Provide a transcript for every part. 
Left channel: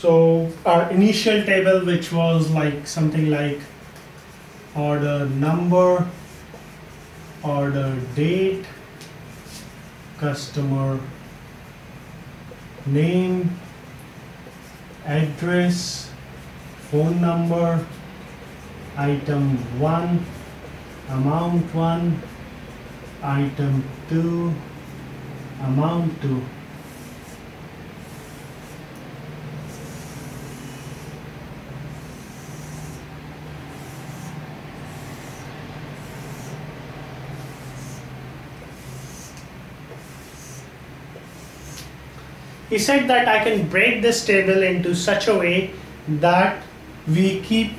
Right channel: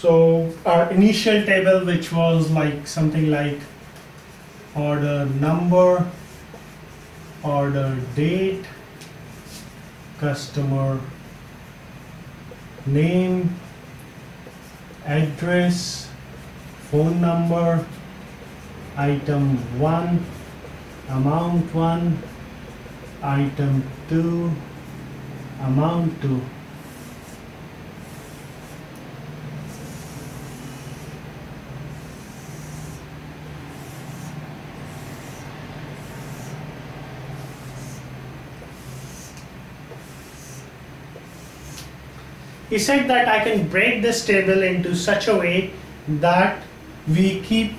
So our initial table, which was like something like order number, order date, customer name, address, phone number, item 1, amount 1, item 2, amount 2. He said that I can break this table into such a way that we keep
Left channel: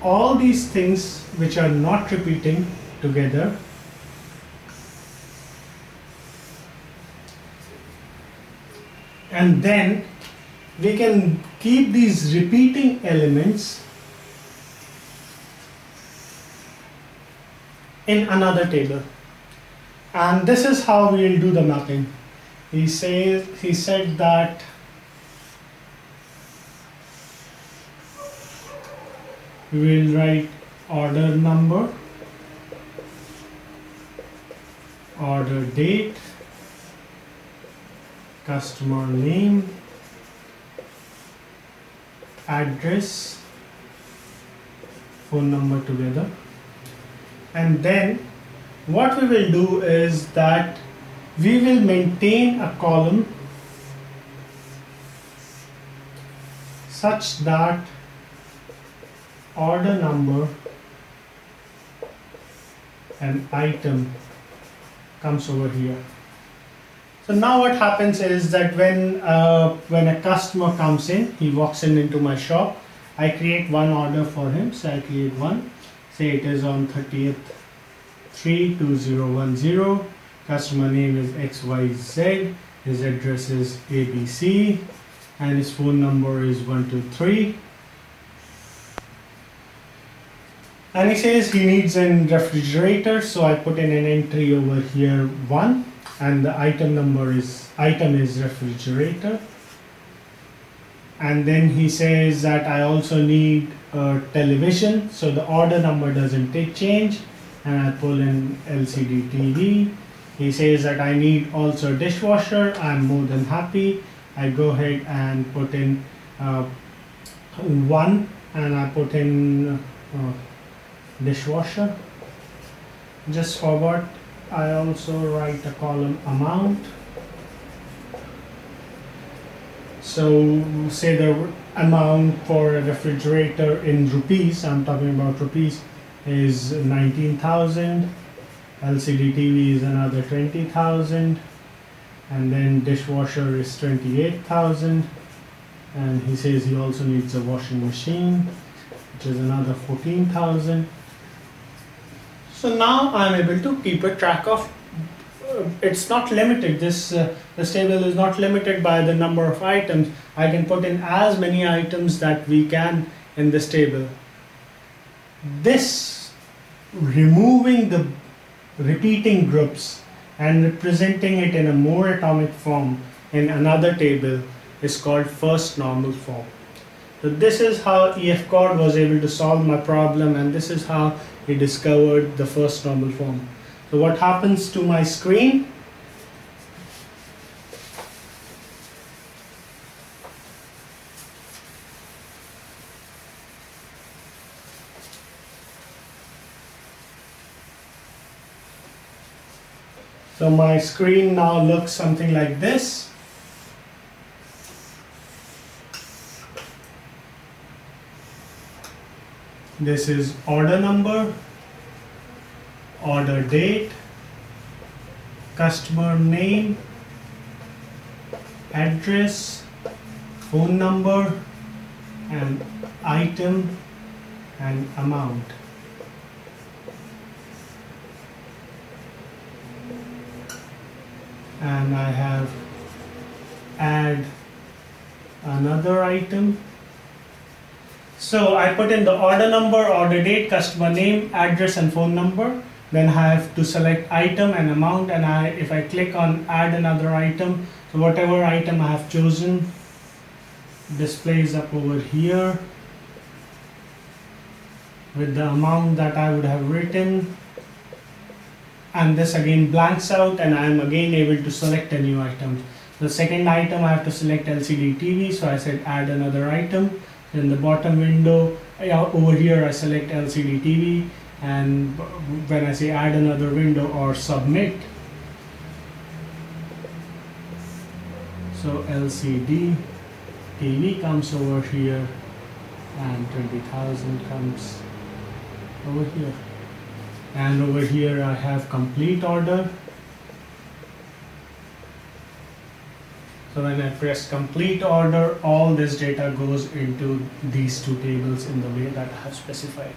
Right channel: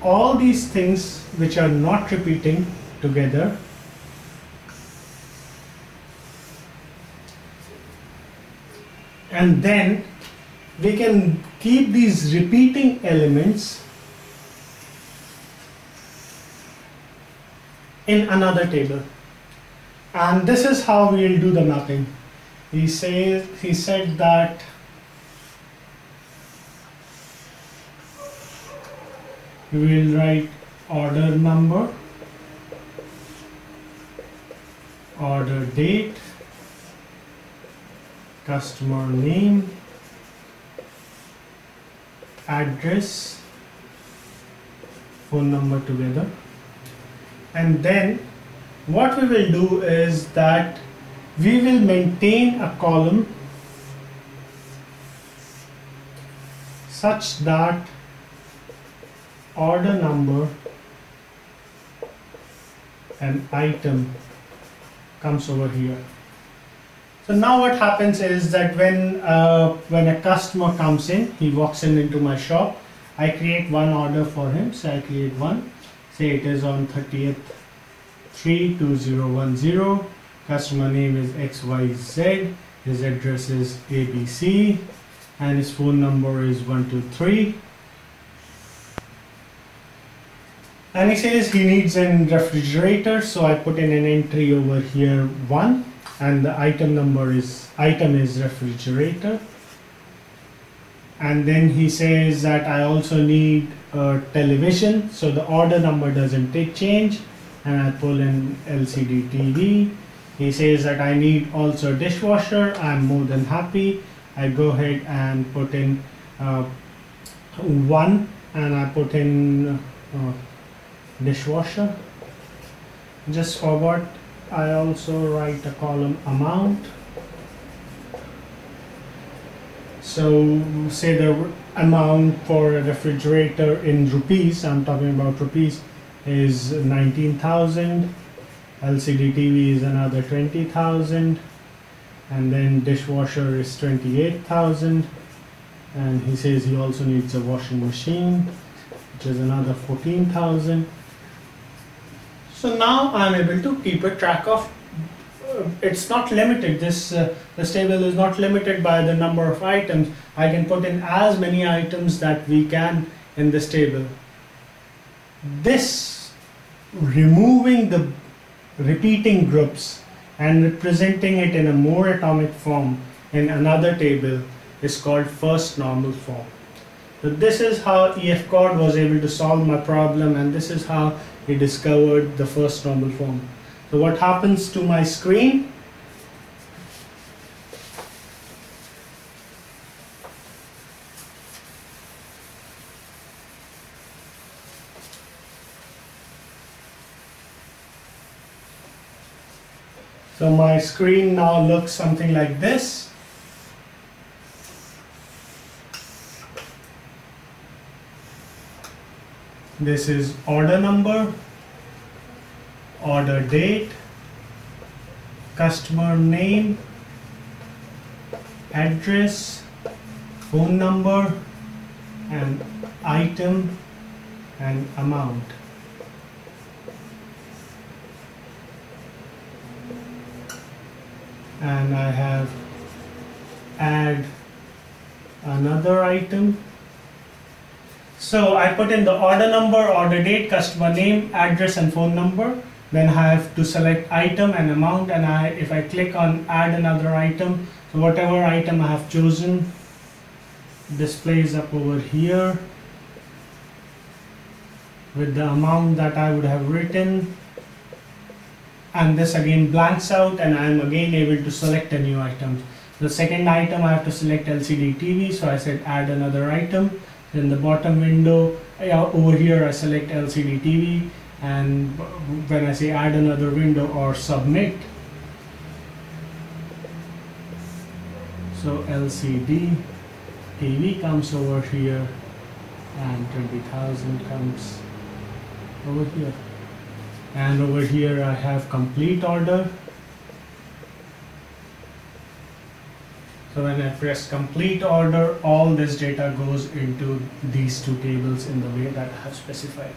all these things which are not repeating together, and then we can keep these repeating elements in another table. And this is how we will do the mapping. He said that we will write order number, order date, customer name, address, phone number together. And then what we will do is that we will maintain a column such that order number and item comes over here. So now what happens is that when a customer comes in, he walks into my shop, I create one order for him. So I create one, say it is on 30th 32010. Customer name is XYZ, his address is ABC, and his phone number is 123. And he says he needs a refrigerator, so I put in an entry over here 1, and the item is refrigerator. And then he says that I also need a television, so the order number doesn't change, and I pull in LCD TV. He says that I need also a dishwasher. I'm more than happy. I go ahead and put in 1, and I put in dishwasher. Just forgot, I also write a column amount. So say the amount for a refrigerator in rupees, I'm talking about rupees, is 19,000. LCD TV is another 20,000, and then dishwasher is 28,000, and he says he also needs a washing machine, which is another 14,000. So now I'm able to keep a track of. It's not limited. This table is not limited by the number of items. I can put in as many items that we can in this table. This removing the repeating groups and representing it in a more atomic form in another table is called first normal form. So this is how EF Cord was able to solve my problem, and this is how he discovered the first normal form. So what happens to my screen? So my screen now looks something like this. This is order number, order date, customer name, address, phone number, and item and amount. And I have add another item. So I put in the order number, order date, customer name, address and phone number. Then I have to select item and amount, and if I click on add another item, so whatever item I have chosen, displays up over here with the amount that I would have written, and this again blanks out, and I am again able to select a new item. The second item I have to select LCD TV, so I said add another item. In the bottom window over here I select LCD TV, and when I say add another window or submit, so LCD TV comes over here and 20,000 comes over here, and over here I have complete order. So when I press complete order, all this data goes into these two tables in the way that I have specified.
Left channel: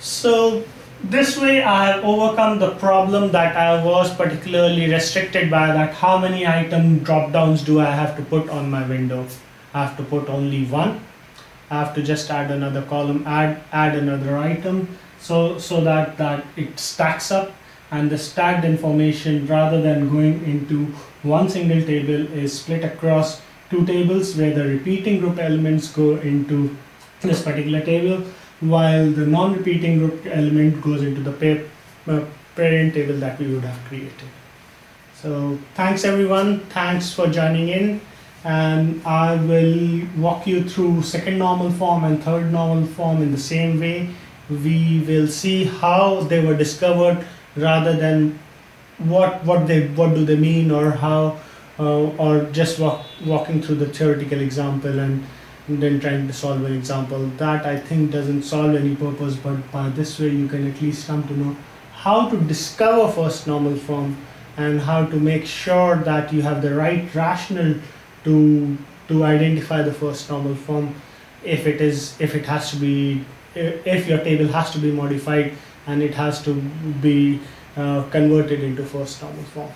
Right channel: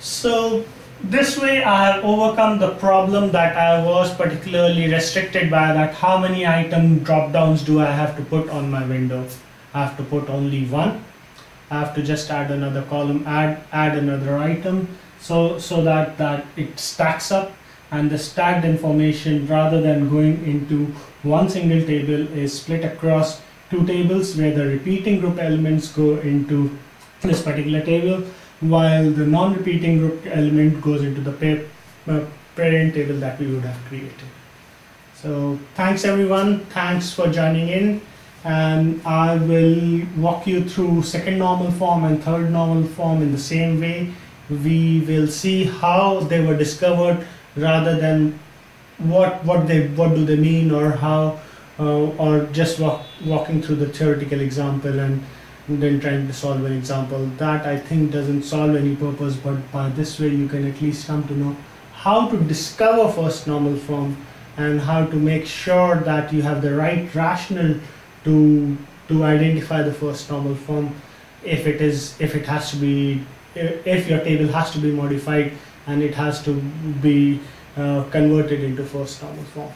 So this way I have overcome the problem that I was particularly restricted by, that how many item drop downs do I have to put on my window. I have to put only one. I have to just add another column, add another item, so that it stacks up, and the stacked information, rather than going into one single table, is split across two tables where the repeating group elements go into this particular table, while the non-repeating group element goes into the parent table that we would have created. So thanks everyone, thanks for joining in, and I will walk you through second normal form and third normal form in the same way. We will see how they were discovered, rather than what do they mean, or how, or just walking through the theoretical example and then trying to solve an example. That I think doesn't solve any purpose, but by this way you can at least come to know how to discover first normal form and how to make sure that you have the right rationale to identify the first normal form, if your table has to be modified and it has to be converted into first normal form.